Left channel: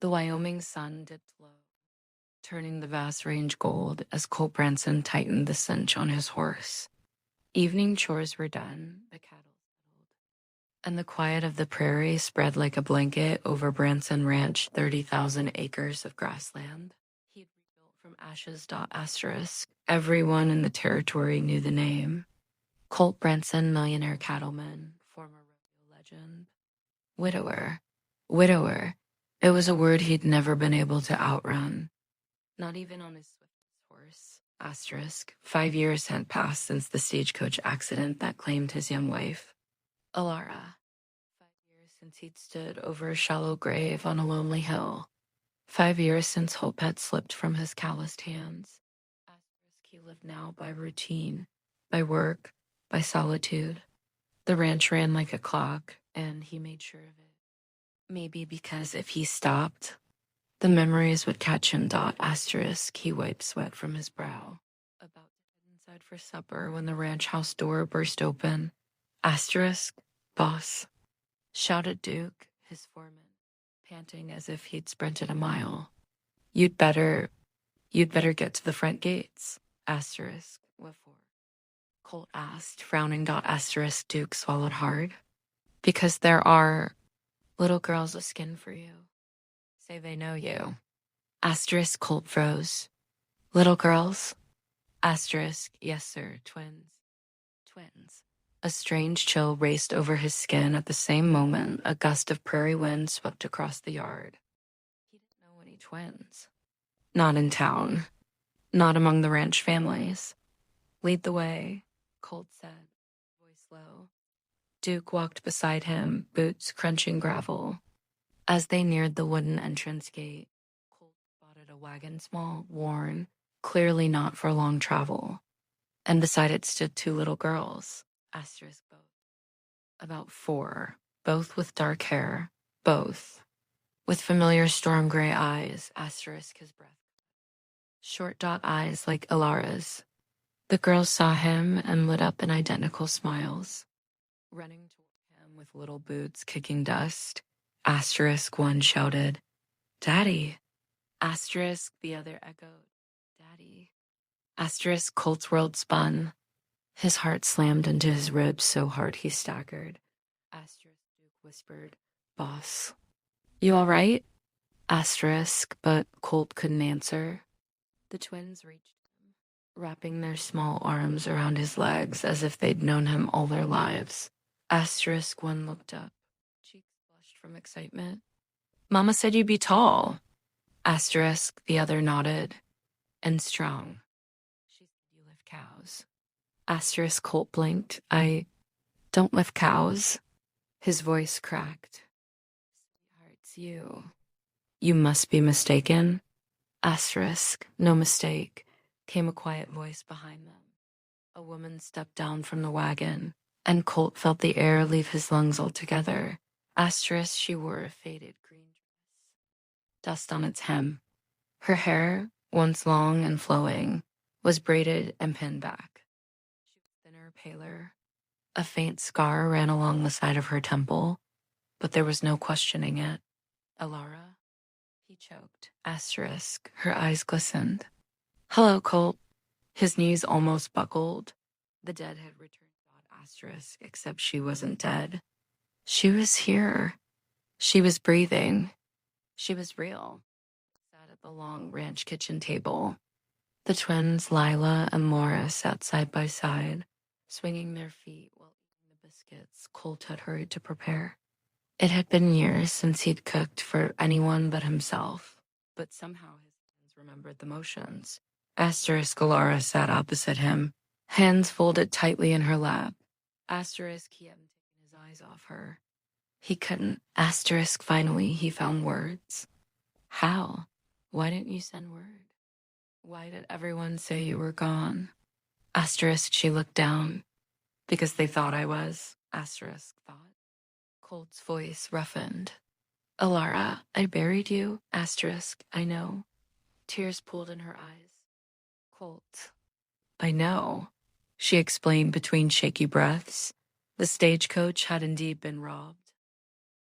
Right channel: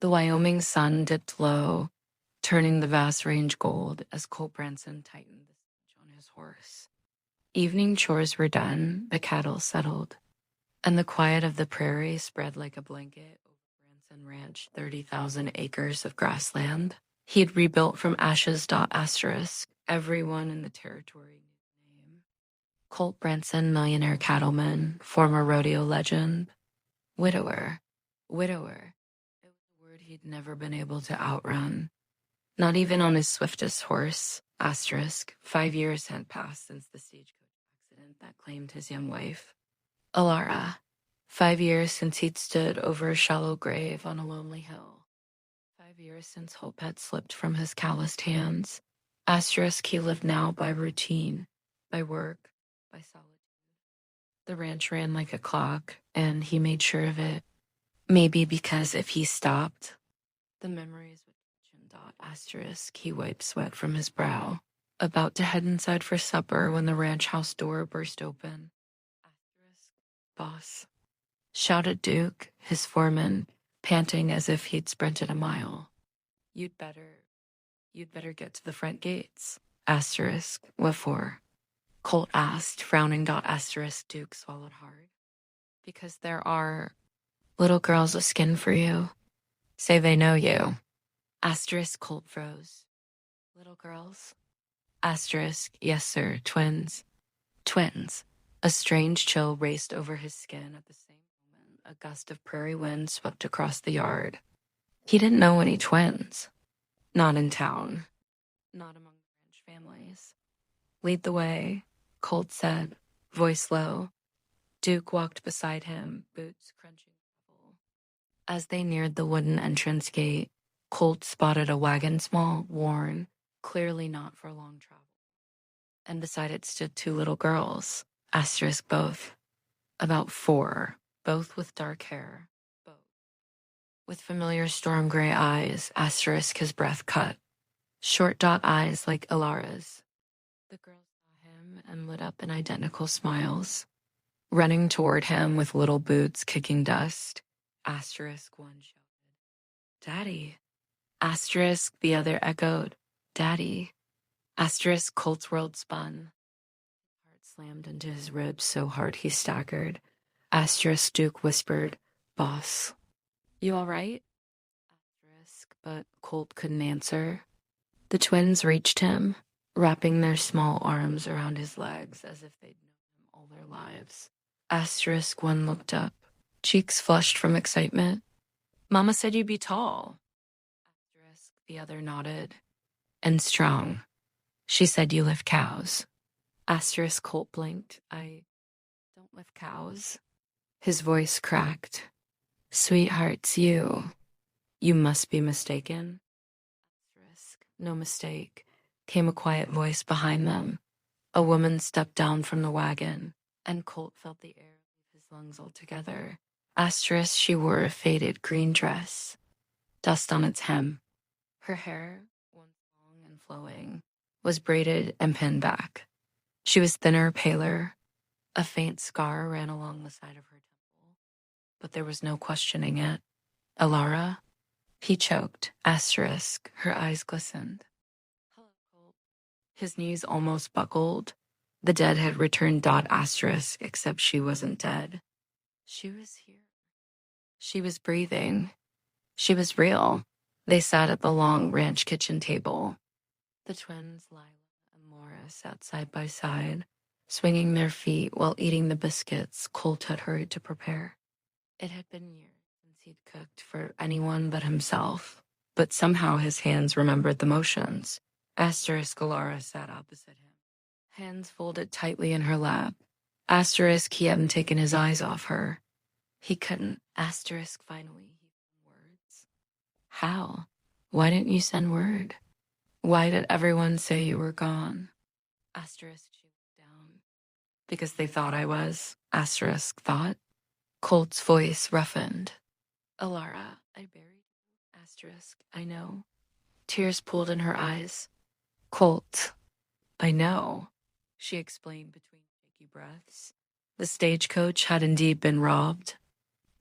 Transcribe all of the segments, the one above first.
The Wyoming sun dipped low, turning the vast range gold as Colt Branson tightened the cinch on his horse. Evening chores were done, the cattle settled, and the quiet of the prairie spread like a blanket over Branson Ranch 30,000 acres of grassland. He'd rebuilt from ashes. Asterisk. Everyone in the territory knew the name. Colt Branson, millionaire cattleman, former rodeo legend. Widower. Widower. It was a word he'd never been able to outrun. Not even on his swiftest horse. Asterisk. 5 years had passed since the stagecoach accident that claimed his young wife. Elara. 5 years since he'd stood over a shallow grave on a lonely hill. 5 years since hope had slipped from his calloused hands. Asterisk. He lived now by routine, by work, by solitude. The ranch ran like a clock, and he made sure of it. Maybe because if he stopped, the memories would catch him. Asterisk. He wiped sweat from his brow, about to head inside for supper when the ranch house door burst open. Asterisk. Boss, shouted Duke, his foreman, panting as if he'd sprinted a mile. You'd better get to the front gates. Asterisk. What for? Colt asked, frowning. Asterisk. Duke swallowed hard. Because there are little girls with skin for you. Say they know you. Asterisk. Colt froze. Little girls? Asterisk. Yes, sir. Twins. Twins. A strange chill raced over his skin at the same moment a gust of prairie wind swept across the yard. He didn't know any twins. Not in town. Not among the ranch families. Lead the way, Colt said, voice low. Duke walked beside him, boots crunching gravel. As they neared the wooden entrance gate, Colt spotted a wagon, small, worn, clearly not for long travel. And beside it stood 2 little girls. Asterisk. Both. About 4, both with dark hair, both. With familiar storm gray eyes. Asterisk. His breath cut. Short eyes like Elara's. The girls saw him and lit up in identical smiles. Running toward him with little boots kicking dust. Asterisk. One shouted, Daddy. Asterisk. The other echoed, Daddy. Asterisk. Colt's world spun. His heart slammed into his ribs so hard he staggered. Asterisk. Duke whispered, Boss. You all right? Asterisk. But Colt couldn't answer. The twins reached him, wrapping their small arms around his legs as if they'd known him all their lives. Asterisk. One looked up, cheeks flushed from excitement. Mama said you'd be tall. Asterisk. The other nodded. And strong. She said you lift cows. Asterisk. Colt blinked. I don't lift cows. His voice cracked. Sweethearts, you must be mistaken. Asterisk. No mistake, came a quiet voice behind them. A woman stepped down from the wagon, and Colt felt the air leave his lungs altogether. Asterisk. She wore a faded green dress, dust on its hem. Her hair, once long and flowing, was braided and pinned back. She was thinner, paler. A faint scar ran along the side of her temple, but there was no questioning it. Elara? He choked. Asterisk. Her eyes glistened. Hello, Colt. His knees almost buckled. The dead had returned. Asterisk. Except she wasn't dead. She was here. She was breathing. She was real. They sat at the long ranch kitchen table. The twins, Lila and Laura, sat side by side, swinging their feet while eating the biscuits Colt had hurried to prepare. It had been years since he'd cooked for anyone but himself, but somehow his hands remembered the motions. Asterisk. Elara sat opposite him, hands folded tightly in her lap. Asterisk. He hadn't taken his eyes off her. He couldn't. Asterisk. Finally, he found words. How? Why didn't you send word? Why did everyone say you were gone? Asterisk. She looked down. Because they thought I was. Asterisk. Thought. Colt's voice roughened. Elara, I buried you. Asterisk. I know. Tears pooled in her eyes. Colt. I know, she explained between shaky breaths. The stagecoach had indeed been robbed.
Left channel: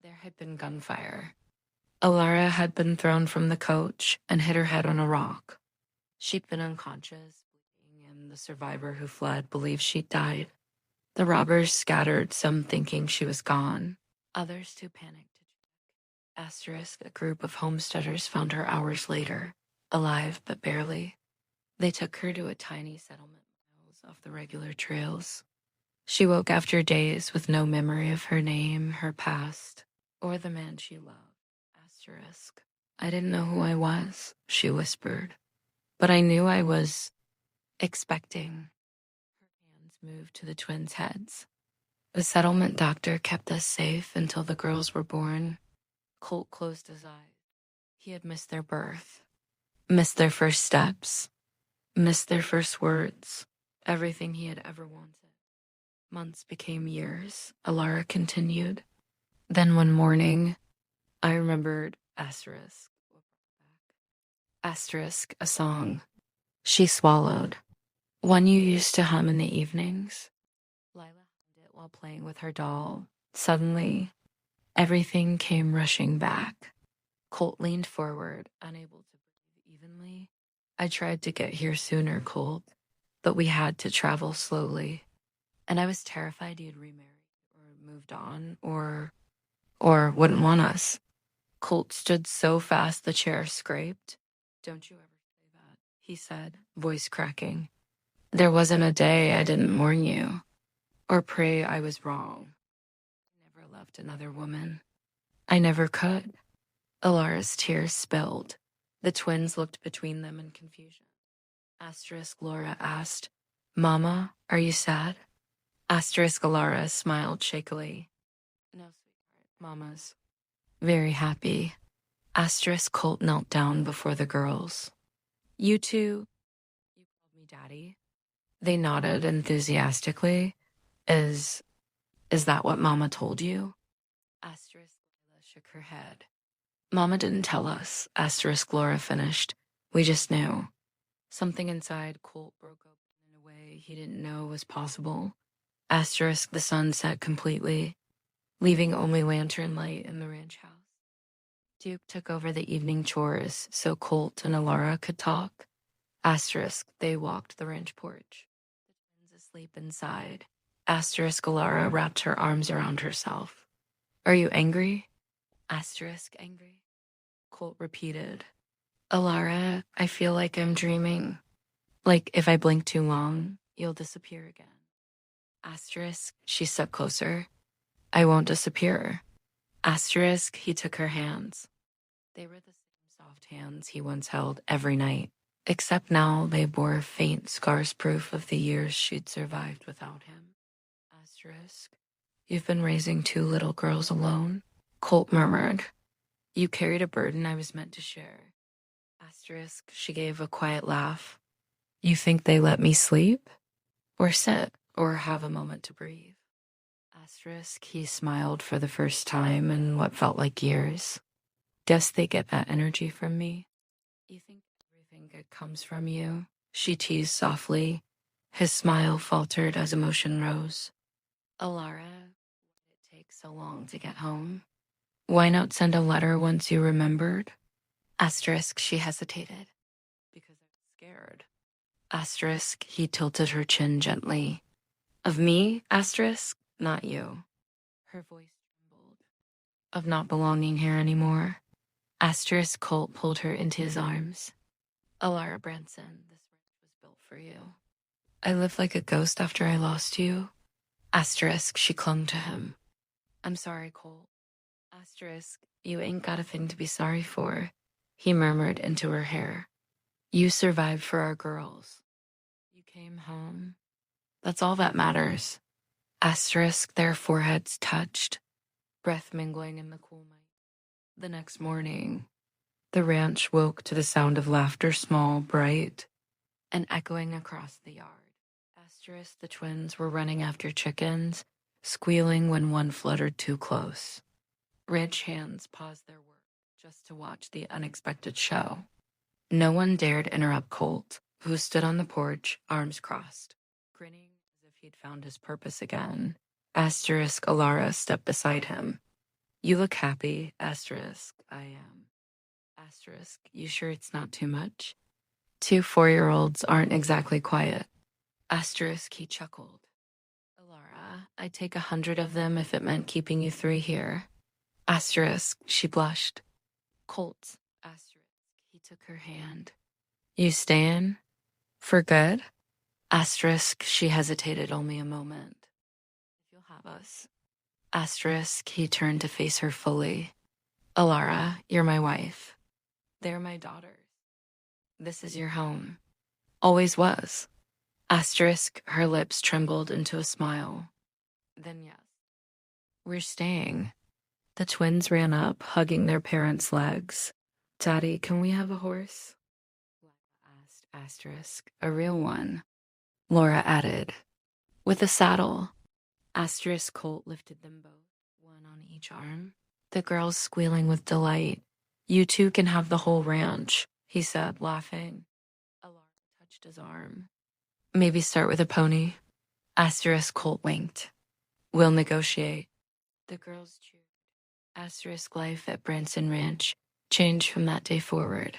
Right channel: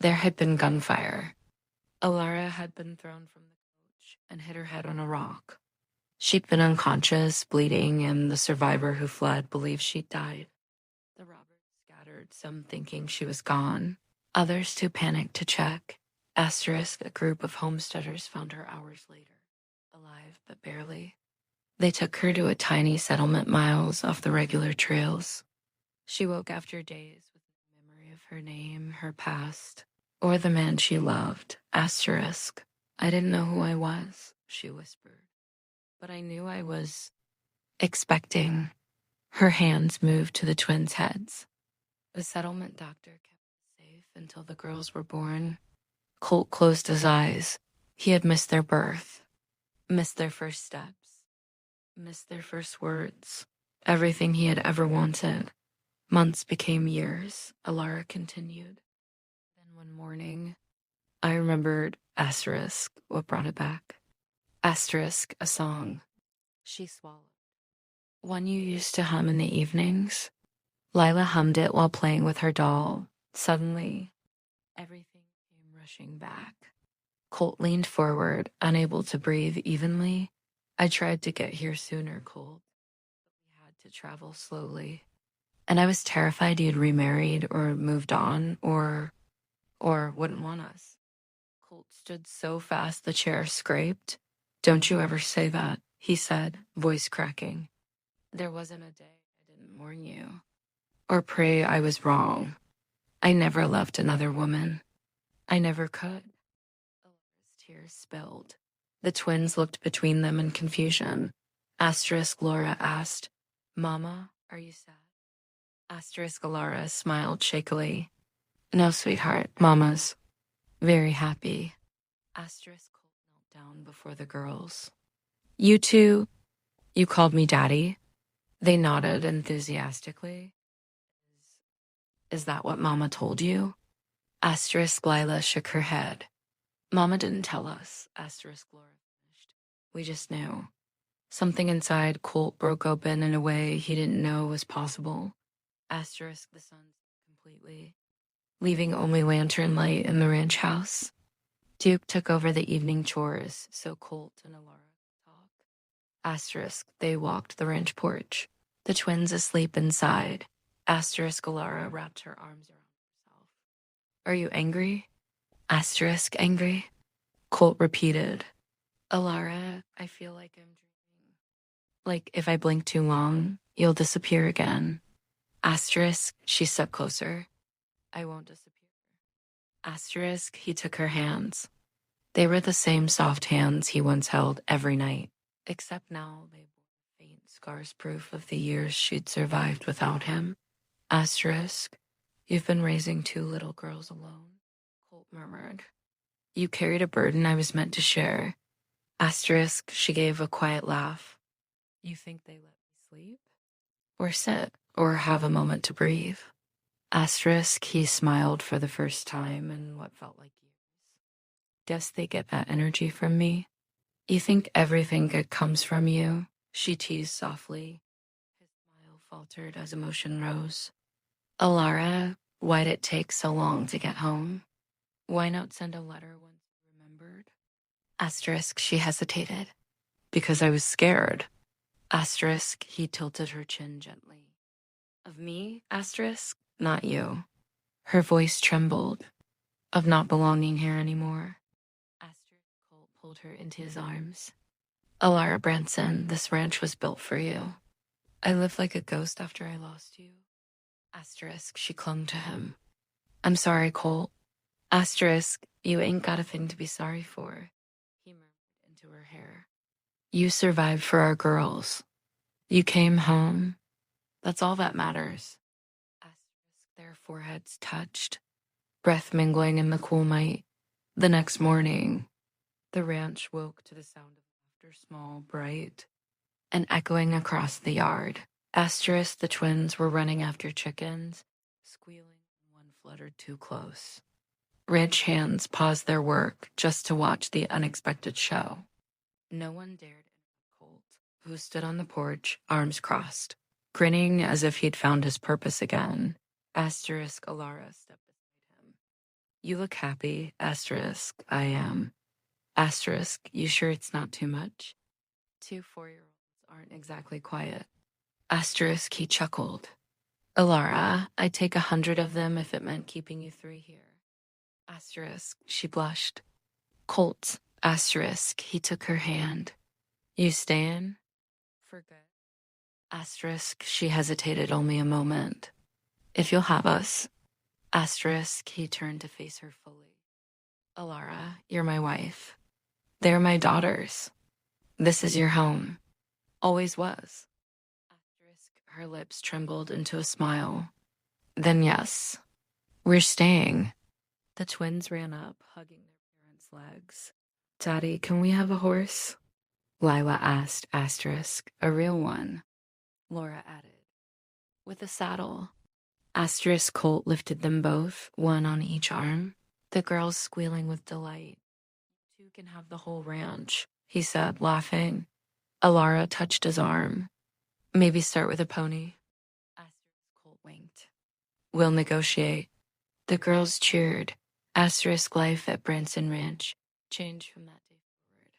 There had been gunfire. Elara had been thrown from the coach and hit her head on a rock. She'd been unconscious, bleeding, and the survivor who fled believed she'd died. The robbers scattered, some thinking she was gone, others too panicked to check. Asterisk, a group of homesteaders found her hours later, alive but barely. They took her to a tiny settlement miles off the regular trails. She woke after days with no memory of her name, her past, or the man she loved. Asterisk. I didn't know who I was, she whispered. But I knew I was expecting. Her hands moved to the twins' heads. The settlement doctor kept us safe until the girls were born. Colt closed his eyes. He had missed their birth, missed their first steps, missed their first words, everything he had ever wanted. Months became years, Elara continued. Then one morning, I remembered asterisk, what brought it back. Asterisk, a song. She swallowed. One you used to hum in the evenings. Lila hummed it while playing with her doll. Suddenly, everything came rushing back. Colt leaned forward, unable to breathe evenly. I tried to get here sooner, Colt, but we had to travel slowly. And I was terrified you'd remarried or moved on or wouldn't want us. Colt stood so fast the chair scraped. Don't you ever say that, he said, voice cracking. There wasn't a day I didn't warn you or pray I was wrong. I never loved another woman. I never could. Elara's tears spilled. The twins looked between them in confusion. Asterisk Laura asked, Mama, are you sad? Asterisk Elara smiled shakily. No, sweetheart, Mama's very happy. Asterisk Colt knelt down before the girls. You two, you called me Daddy? They nodded enthusiastically. Is that what Mama told you? Asterisk Lila shook her head. Mama didn't tell us, asterisk Laura finished. We just knew. Something inside Colt broke open in a way he didn't know was possible. Asterisk the sun set completely, leaving only lantern light in the ranch house. Duke took over the evening chores so Colt and Elara could talk. Asterisk they walked the ranch porch, the twins asleep inside. Asterisk Elara wrapped her arms around herself. Are you angry? Asterisk angry? Colt repeated. Elara, I feel like I'm dreaming. Like if I blink too long, you'll disappear again. Asterisk, she stepped closer. I won't disappear. Asterisk, he took her hands. They were the same soft hands he once held every night, except now they bore faint scars proof of the years she'd survived without him. Asterisk, you've been raising 2 little girls alone. Colt murmured. You carried a burden I was meant to share. Asterisk, she gave a quiet laugh. You think they let me sleep? Or sit? Or have a moment to breathe? Asterisk, he smiled for the first time in what felt like years. Guess they get that energy from me. You think everything good comes from you? She teased softly. His smile faltered as emotion rose. Elara, why'd it take so long to get home? Why not send a letter once you remembered? Asterisk, she hesitated. Because I was scared. Asterisk, he tilted her chin gently. Of me, asterisk, not you. Her voice trembled. Of not belonging here anymore. Asterisk Colt pulled her into his arms. Elara Branson, this ranch was built for you. I lived like a ghost after I lost you. Asterisk, she clung to him. I'm sorry, Colt. Asterisk, you ain't got a thing to be sorry for, he murmured into her hair. You survived for our girls. You came home. That's all that matters. Asterisk, their foreheads touched, breath mingling in the cool night. The next morning, the ranch woke to the sound of laughter, small, bright, and echoing across the yard. Asterisk, the twins were running after chickens, squealing when one fluttered too close. Ranch hands paused their work just to watch the unexpected show. No one dared interrupt Colt, who stood on the porch, arms crossed, grinning as if he'd found his purpose again. Asterisk Elara stepped beside him. You look happy, asterisk, I am. Asterisk, you sure it's not too much? 2 4-year-olds aren't exactly quiet. Asterisk, he chuckled. Elara, I'd take 100 of them if it meant keeping you 3 here. Asterisk, she blushed. Colt, asterisk, he took her hand. You stayin'? For good? Asterisk, she hesitated only a moment. If you'll have us. Asterisk, he turned to face her fully. Elara, you're my wife. They're my daughters. This is your home. Always was. Asterisk, her lips trembled into a smile. Then yes, we're staying. The twins ran up, hugging their parents' legs. Daddy, can we have a horse? Lila asked, asterisk, a real one. Laura added, with a saddle. Asterisk Colt lifted them both, one on each arm. The girls squealing with delight. You two can have the whole ranch, he said, laughing. Elara touched his arm. Maybe start with a pony. Asterisk Colt winked. We'll negotiate. The girls cheered. Asterisk life at Branson Ranch changed from that day forward.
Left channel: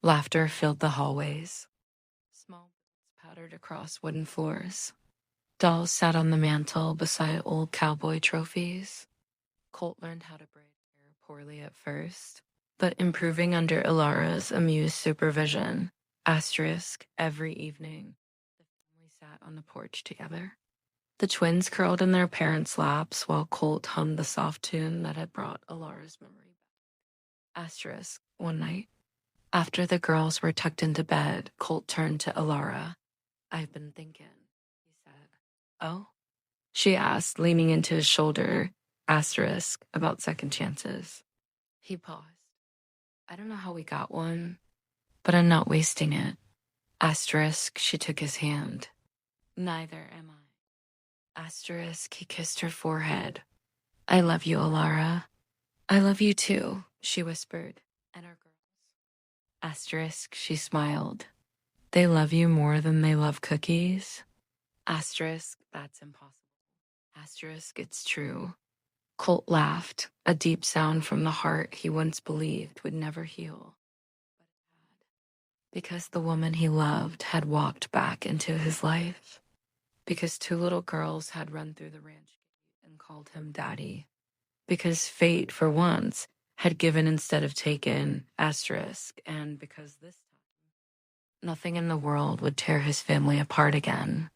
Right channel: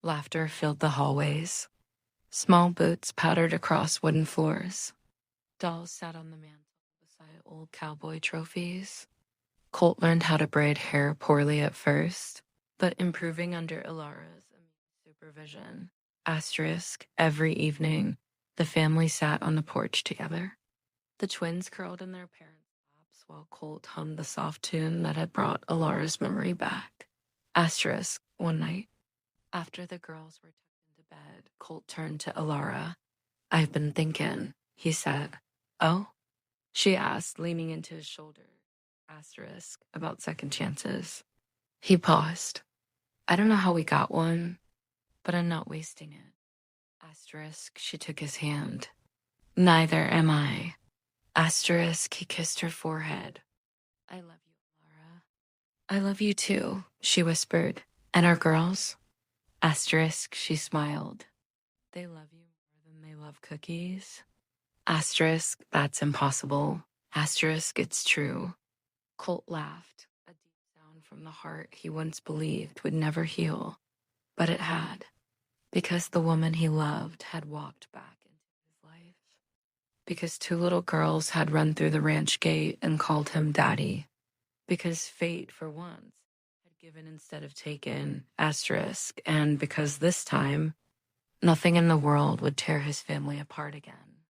Laughter filled the hallways. Small boots pattered across wooden floors. Dolls sat on the mantel beside old cowboy trophies. Colt learned how to braid hair poorly at first, but improving under Elara's amused supervision. Asterisk, every evening, the family sat on the porch together. The twins curled in their parents' laps while Colt hummed the soft tune that had brought Elara's memory back. Asterisk, one night, after the girls were tucked into bed, Colt turned to Elara. I've been thinking, he said. Oh? She asked, leaning into his shoulder, asterisk, about second chances. He paused. I don't know how we got one, but I'm not wasting it. Asterisk, she took his hand. Neither am I. Asterisk, he kissed her forehead. I love you, Elara. I love you too, she whispered. And our girls? Asterisk, she smiled. They love you more than they love cookies? Asterisk, that's impossible. Asterisk, it's true. Colt laughed, a deep sound from the heart he once believed would never heal. But it had, because the woman he loved had walked back into his life. Because 2 little girls had run through the ranch gate and called him Daddy. Because fate, for once, had given instead of taken, asterisk, and because this time, nothing in the world would tear his family apart again.